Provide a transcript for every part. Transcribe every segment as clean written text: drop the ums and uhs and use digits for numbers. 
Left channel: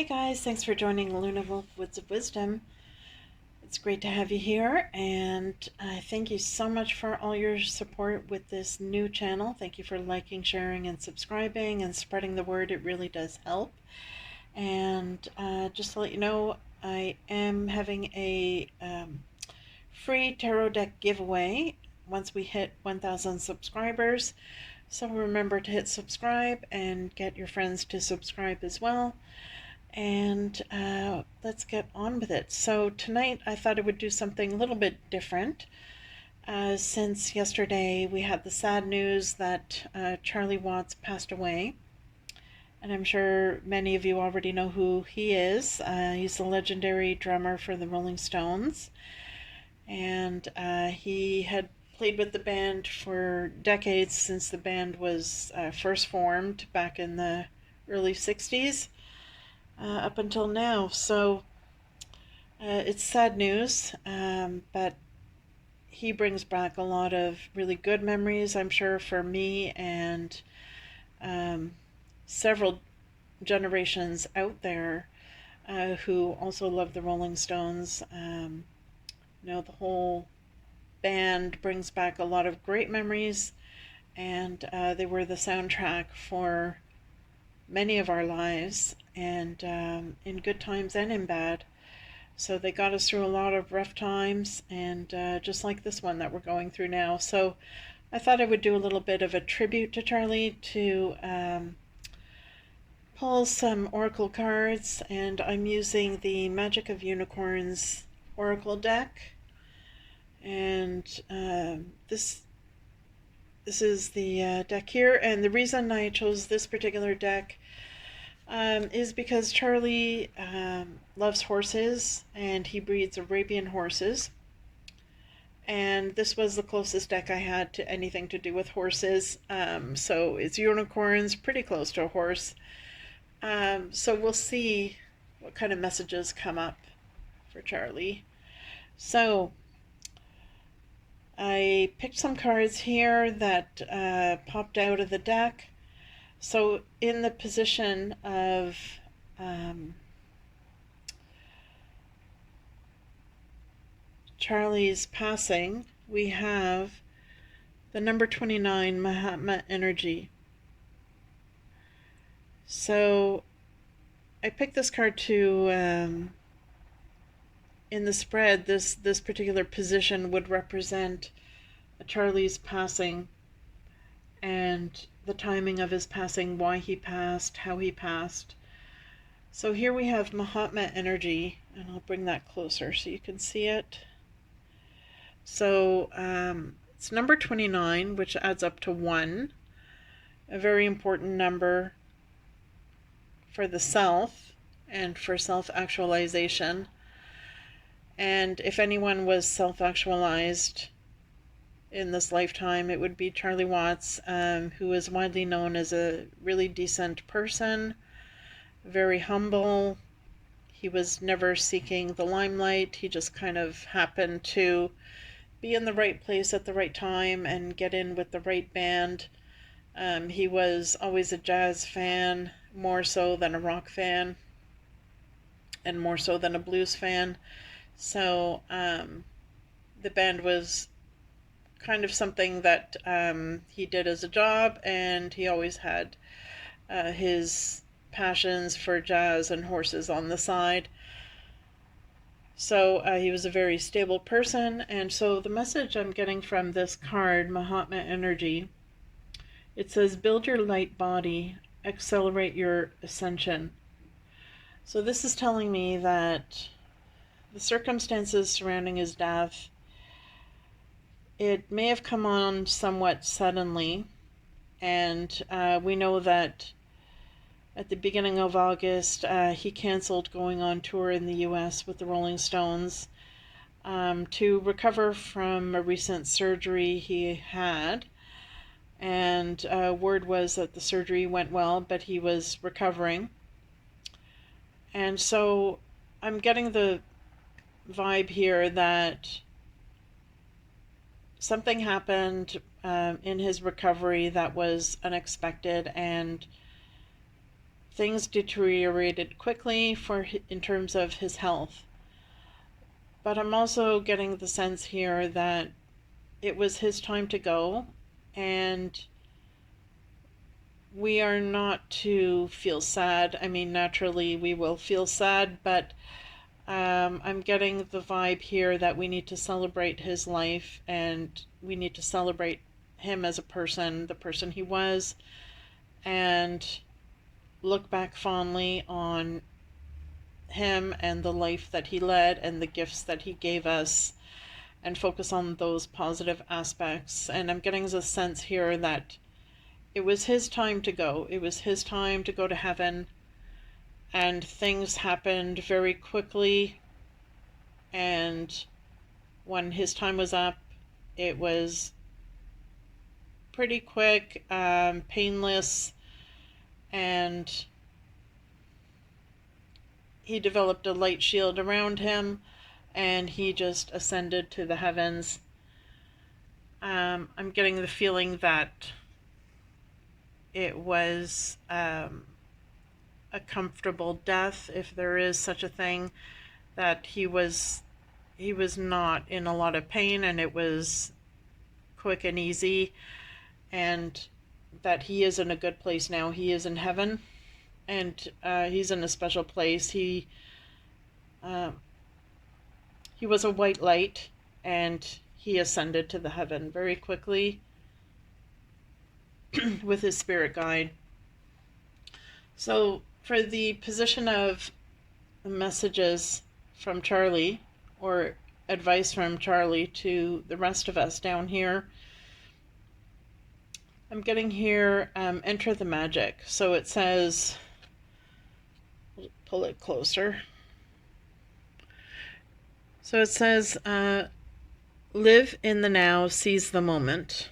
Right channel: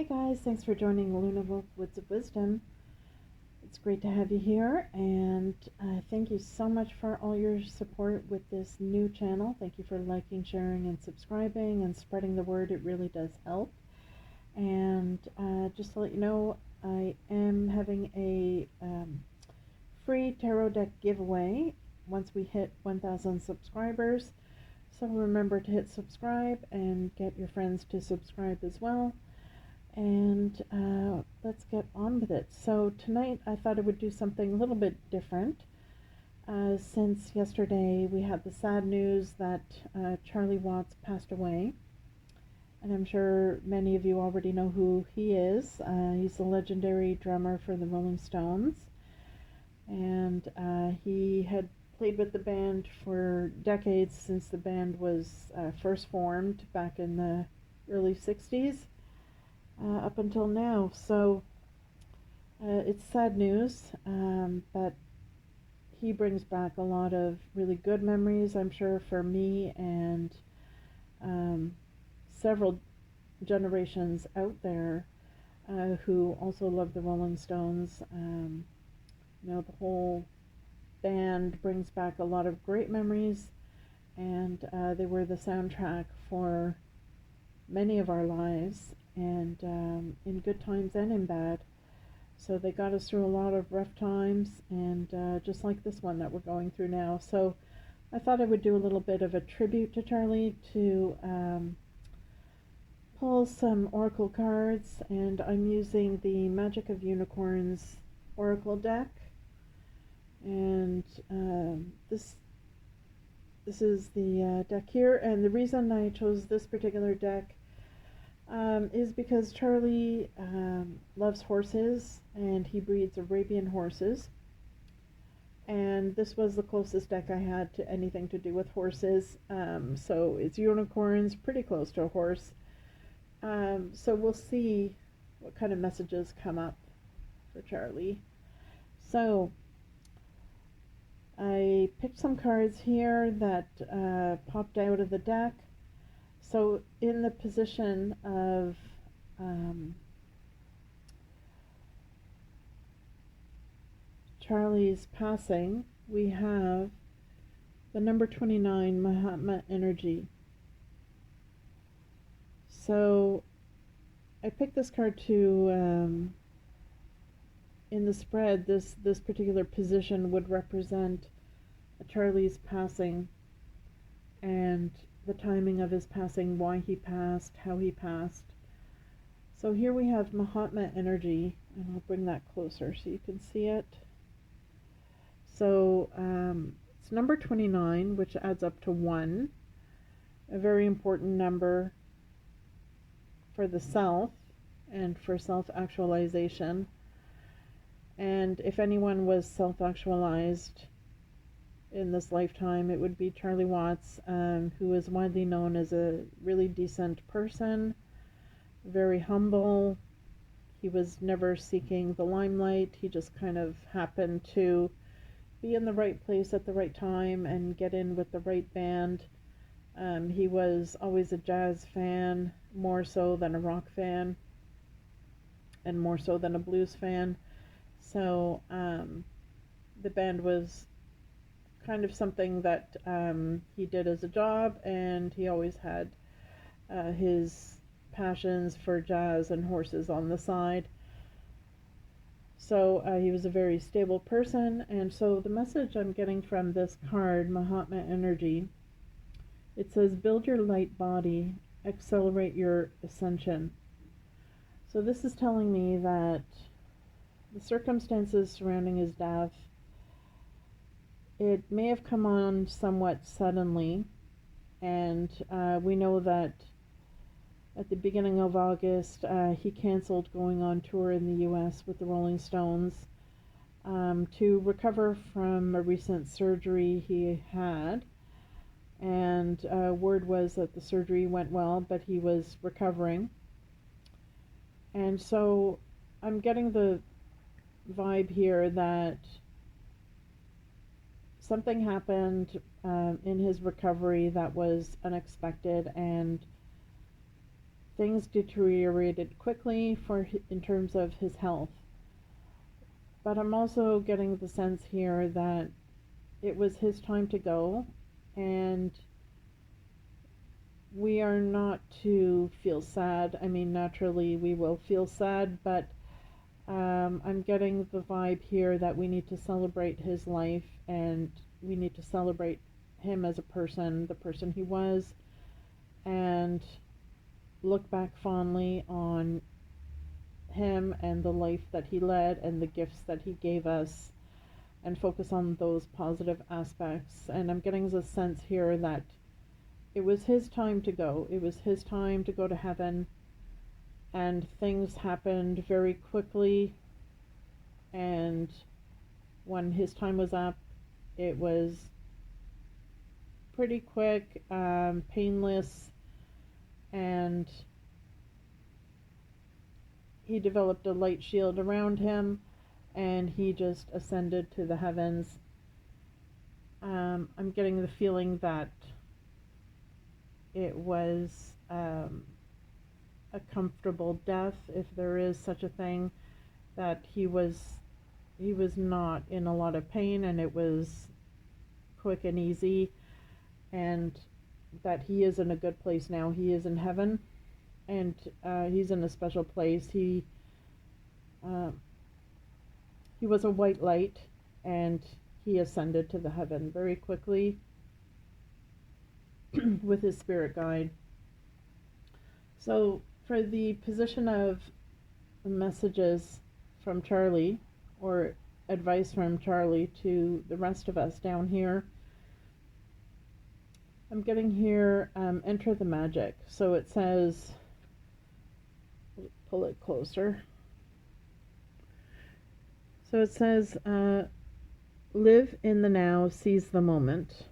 Hey guys, thanks for joining Lunawolf Woods of Wisdom. It's great to have you here, and thank you so much for all your support with this new channel. Thank you for liking, sharing, and subscribing and spreading the word. It really does help. And just to let you know, I am having a free tarot deck giveaway once we hit 1,000 subscribers. So remember to hit subscribe and get your friends to subscribe as well. And let's get on with it. So tonight I thought I would do something a little bit different. Since yesterday we had the sad news that Charlie Watts passed away. And I'm sure many of you already know who he is. He's the legendary drummer for the Rolling Stones. And he had played with the band for decades, since the band was first formed back in the early 60s. Up until now. So it's sad news, but he brings back a lot of really good memories, I'm sure, for me and several generations out there who also love the Rolling Stones. The whole band brings back a lot of great memories, and they were the soundtrack for many of our lives, and in good times and in bad. So they got us through a lot of rough times, and just like this one that we're going through now. So I thought I would do a little bit of a tribute to Charlie, to pull some oracle cards, and I'm using the Magic of Unicorns oracle deck. And this is the deck here, and the reason I chose this particular deck is because Charlie loves horses, and he breeds Arabian horses. And this was the closest deck I had to anything to do with horses. So it's unicorns, pretty close to a horse. So we'll see what kind of messages come up for Charlie. So I picked some cards here that popped out of the deck. So in the position of Charlie's passing, we have the number 29, Mahatma energy. So I picked this card to, in the spread, this particular position would represent Charlie's passing and the timing of his passing, why he passed, how he passed. So here we have Mahatma energy, and I'll bring that closer so you can see it. So it's number 29, which adds up to 1, a very important number for the self and for self-actualization. And if anyone was self-actualized in this lifetime, it would be Charlie Watts, who is widely known as a really decent person, very humble. He was never seeking the limelight. He just kind of happened to be in the right place at the right time and get in with the right band. He was always a jazz fan, more so than a rock fan, and more so than a blues fan. So the band was kind of something that he did as a job, and he always had his passions for jazz and horses on the side. So he was a very stable person. And so the message I'm getting from this card, Mahatma energy, it says, build your light body, accelerate your ascension. So this is telling me that the circumstances surrounding his death, it may have come on somewhat suddenly, and we know that at the beginning of August, he canceled going on tour in the US with the Rolling Stones to recover from a recent surgery he had. And word was that the surgery went well, but he was recovering. And so I'm getting the vibe here that something happened in his recovery that was unexpected, and things deteriorated quickly in terms of his health. But I'm also getting the sense here that it was his time to go, and we are not to feel sad. I mean, naturally we will feel sad, but I'm getting the vibe here that we need to celebrate his life, and we need to celebrate him as a person, the person he was, and look back fondly on him and the life that he led and the gifts that he gave us, and focus on those positive aspects. And I'm getting a sense here that it was his time to go. It was his time to go to heaven, and things happened very quickly. And when his time was up, it was pretty quick, painless, and he developed a light shield around him, and he just ascended to the heavens. I'm getting the feeling that it was a comfortable death, if there is such a thing, that he was not in a lot of pain, and it was quick and easy, and that he is in a good place now. He is in heaven, and he's in a special place. He was a white light, and he ascended to the heaven very quickly with his spirit guide. So for the position of messages from Charlie, or advice from Charlie to the rest of us down here, I'm getting here, enter the magic. So it says, pull it closer. So it says, live in the now, seize the moment.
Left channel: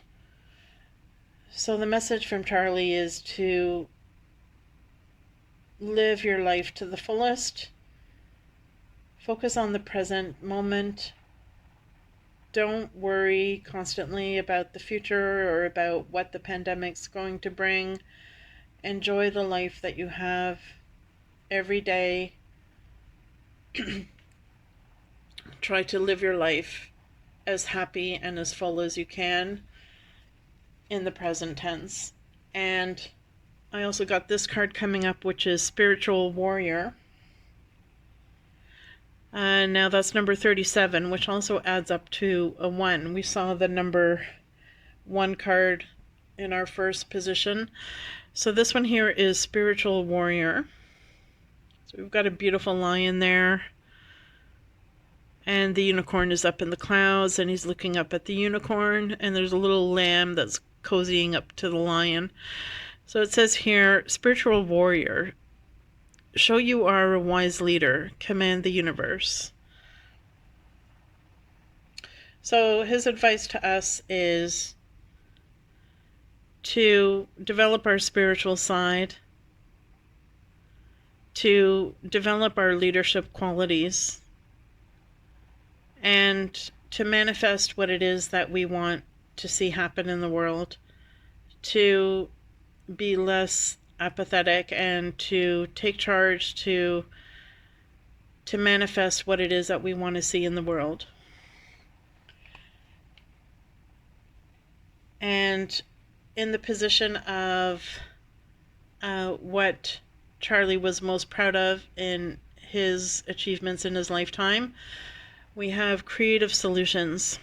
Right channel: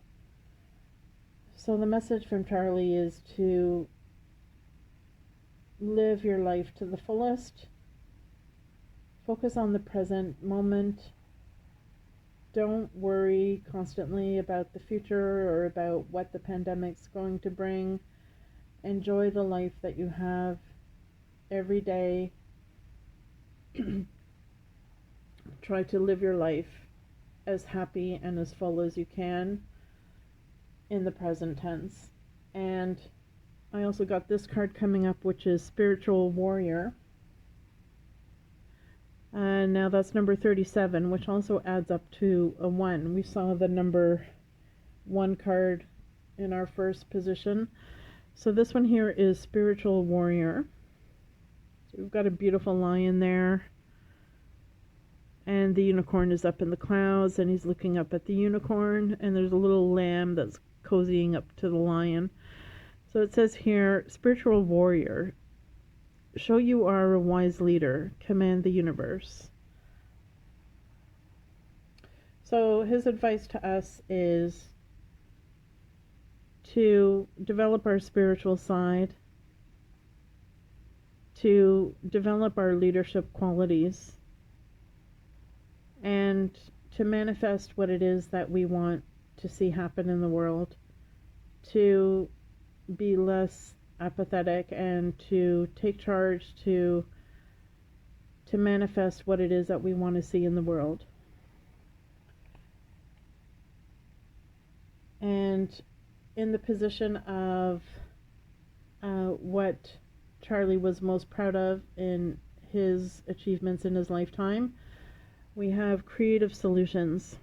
So the message from Charlie is to live your life to the fullest. Focus on the present moment. Don't worry constantly about the future or about what the pandemic's going to bring. Enjoy the life that you have every day. Try to live your life as happy and as full as you can in the present tense. And I also got this card coming up, which is Spiritual Warrior. Now that's number 37, which also adds up to a 1. We saw the number 1 card in our first position. So this one here is Spiritual Warrior. So we've got a beautiful lion there, and the unicorn is up in the clouds, and he's looking up at the unicorn, and there's a little lamb that's cozying up to the lion. So it says here, Spiritual Warrior, show you are a wise leader, command the universe. So his advice to us is to develop our spiritual side, to develop our leadership qualities, and to manifest what it is that we want to see happen in the world, to be less apathetic, and to take charge to manifest what it is that we want to see in the world. And in the position of what Charlie was most proud of in his achievements in his lifetime, we have creative solutions.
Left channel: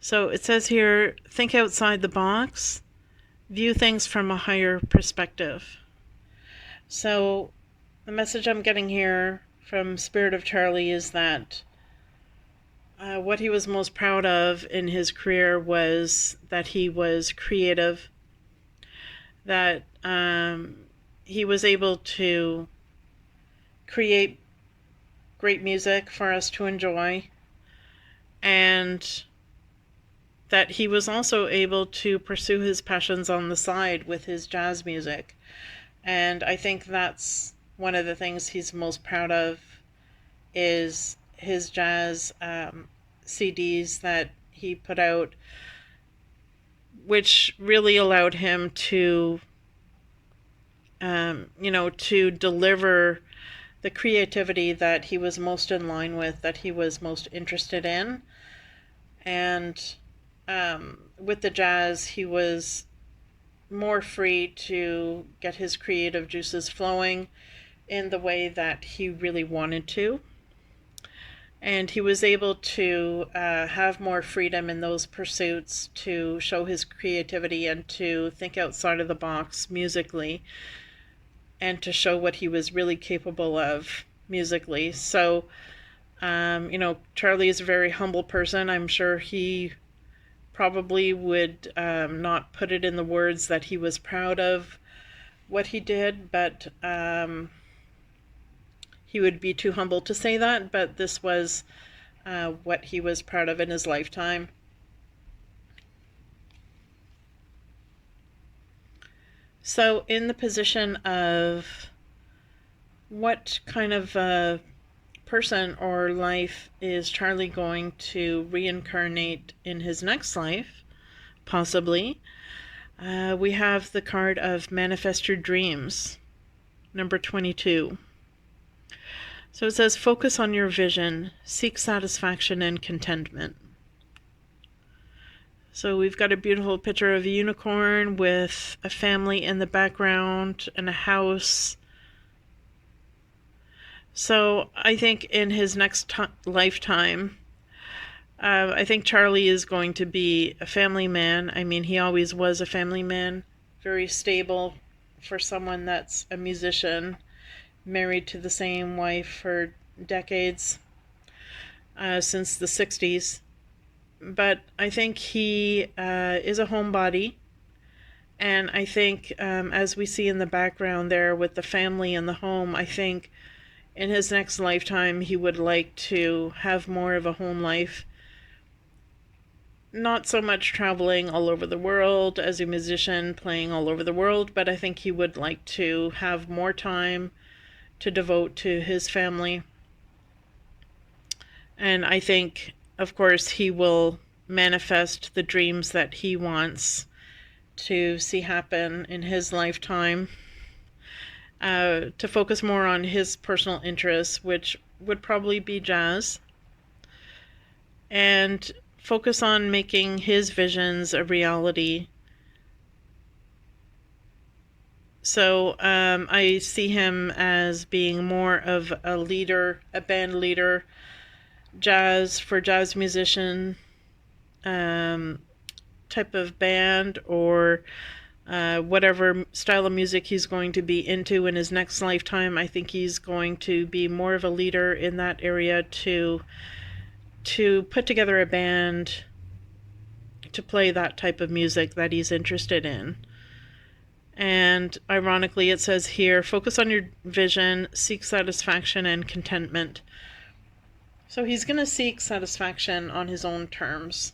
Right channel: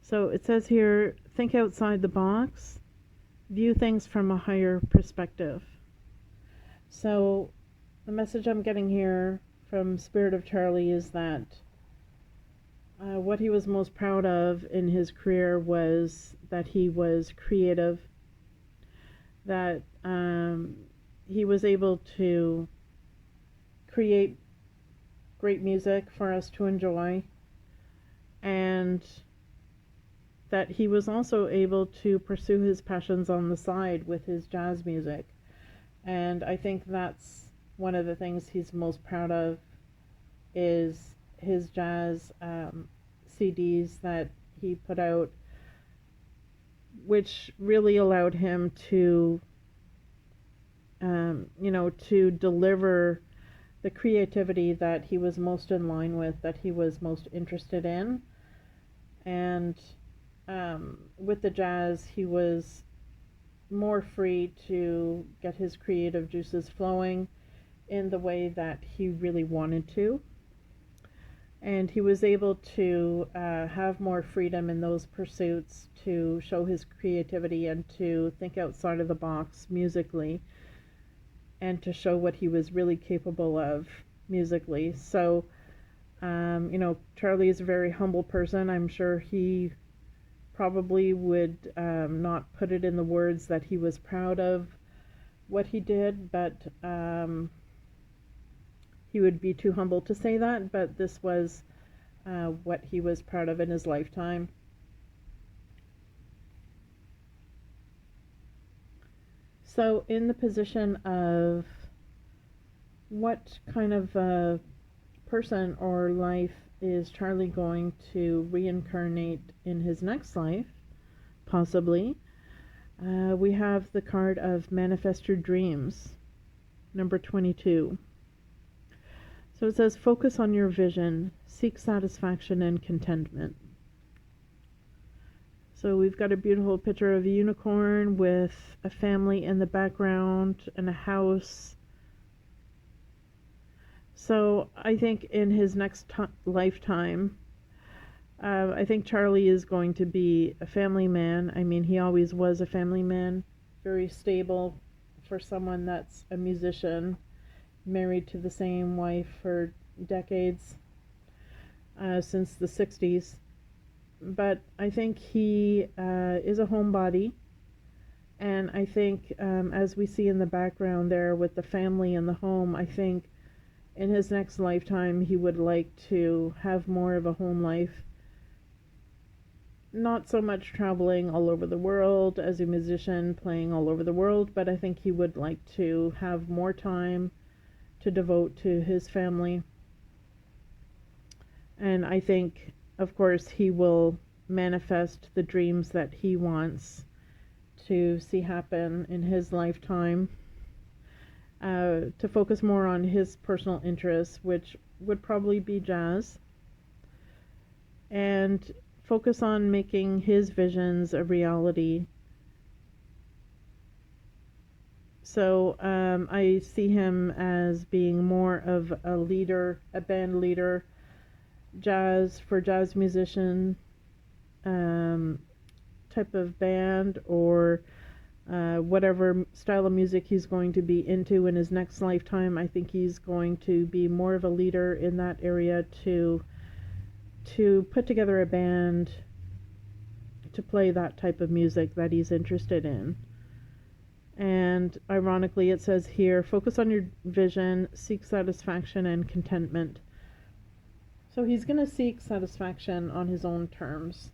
So it says here, think outside the box, view things from a higher perspective. So the message I'm getting here from Spirit of Charlie is that what he was most proud of in his career was that he was creative, that he was able to create great music for us to enjoy, and that he was also able to pursue his passions on the side with his jazz music. And I think that's one of the things he's most proud of, is his jazz CDs that he put out, which really allowed him to to deliver the creativity that he was most in line with, that he was most interested in. And with the jazz, he was more free to get his creative juices flowing in the way that he really wanted to. And he was able to have more freedom in those pursuits to show his creativity and to think outside of the box musically and to show what he was really capable of musically. So, Charlie is a very humble person. I'm sure he probably would not put it in the words that he was proud of what he did, but he would be too humble to say that. But this was what he was proud of in his lifetime. So, in the position of what kind of person or life is Charlie going to reincarnate in his next life, possibly, we have the card of Manifest Your Dreams, number 22. So it says, focus on your vision, seek satisfaction and contentment. So we've got a beautiful picture of a unicorn with a family in the background and a house. So I think in his next lifetime, I think Charlie is going to be a family man. I mean, he always was a family man, very stable for someone that's a musician, married to the same wife for decades, since the 60s. But I think he is a homebody. And I think, as we see in the background there with the family and the home, I think in his next lifetime he would like to have more of a home life. Not so much traveling all over the world as a musician, playing all over the world, but I think he would like to have more time to devote to his family. And I think, of course, he will manifest the dreams that he wants to see happen in his lifetime, to focus more on his personal interests, which would probably be jazz, and focus on making his visions a reality. So I see him as being more of a leader, a band leader, for jazz musician type of band, or whatever style of music he's going to be into in his next lifetime. I think he's going to be more of a leader in that area to put together a band to play that type of music that he's interested in. And ironically, it says here, focus on your vision, seek satisfaction and contentment. So he's going to seek satisfaction on his own terms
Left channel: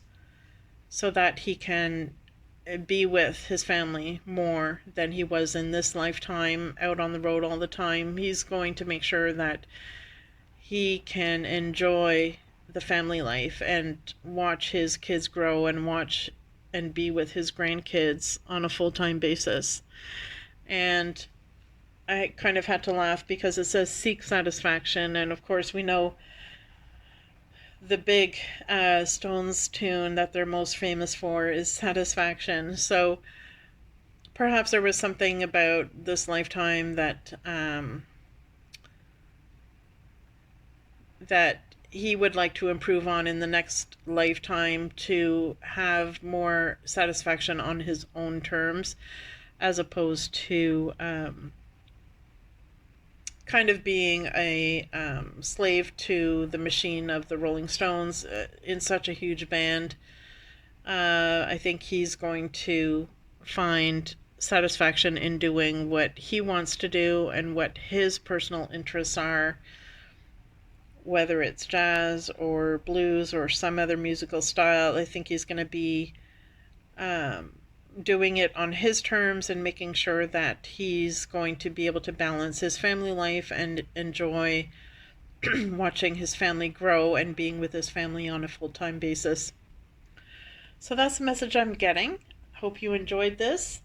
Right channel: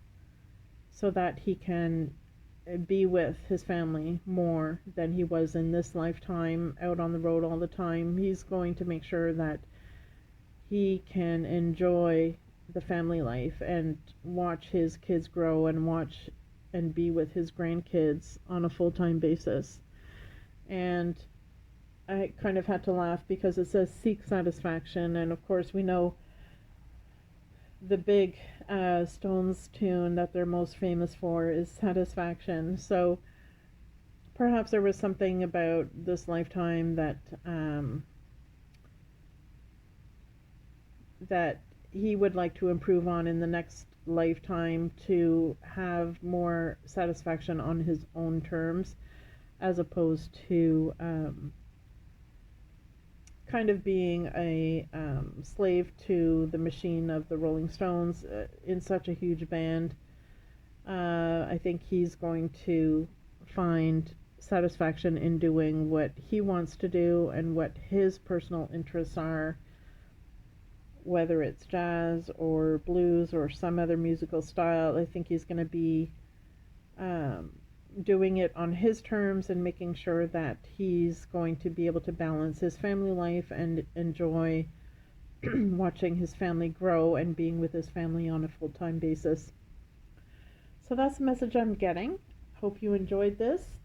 so that he can be with his family more than he was in this lifetime, out on the road all the time. He's going to make sure that he can enjoy the family life and watch his kids grow and watch and be with his grandkids on a full-time basis. And I kind of had to laugh because it says seek satisfaction, and of course we know the big Stones tune that they're most famous for is Satisfaction. So perhaps there was something about this lifetime that he would like to improve on in the next lifetime, to have more satisfaction on his own terms, as opposed to kind of being a slave to the machine of the Rolling Stones in such a huge band. I think he's going to find satisfaction in doing what he wants to do and what his personal interests are, whether it's jazz or blues or some other musical style. I think he's going to be doing it on his terms and making sure that he's going to be able to balance his family life and enjoy watching his family grow and being with his family on a full-time basis. So that's the message I'm getting. Hope you enjoyed this,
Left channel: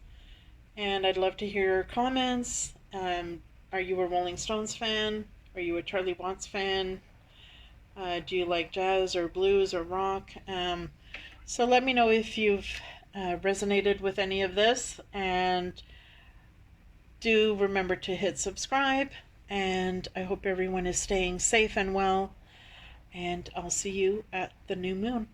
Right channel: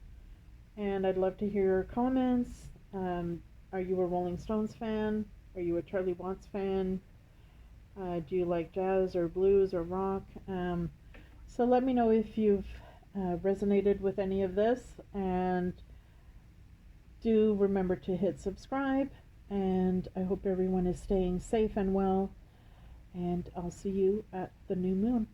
and I'd love to hear your comments Are you a Rolling Stones fan? Are you a Charlie Watts fan? Do you like jazz or blues or rock? So let me know if you've resonated with any of this, and do remember to hit subscribe. And I hope everyone is staying safe and well. And I'll see you at the new moon.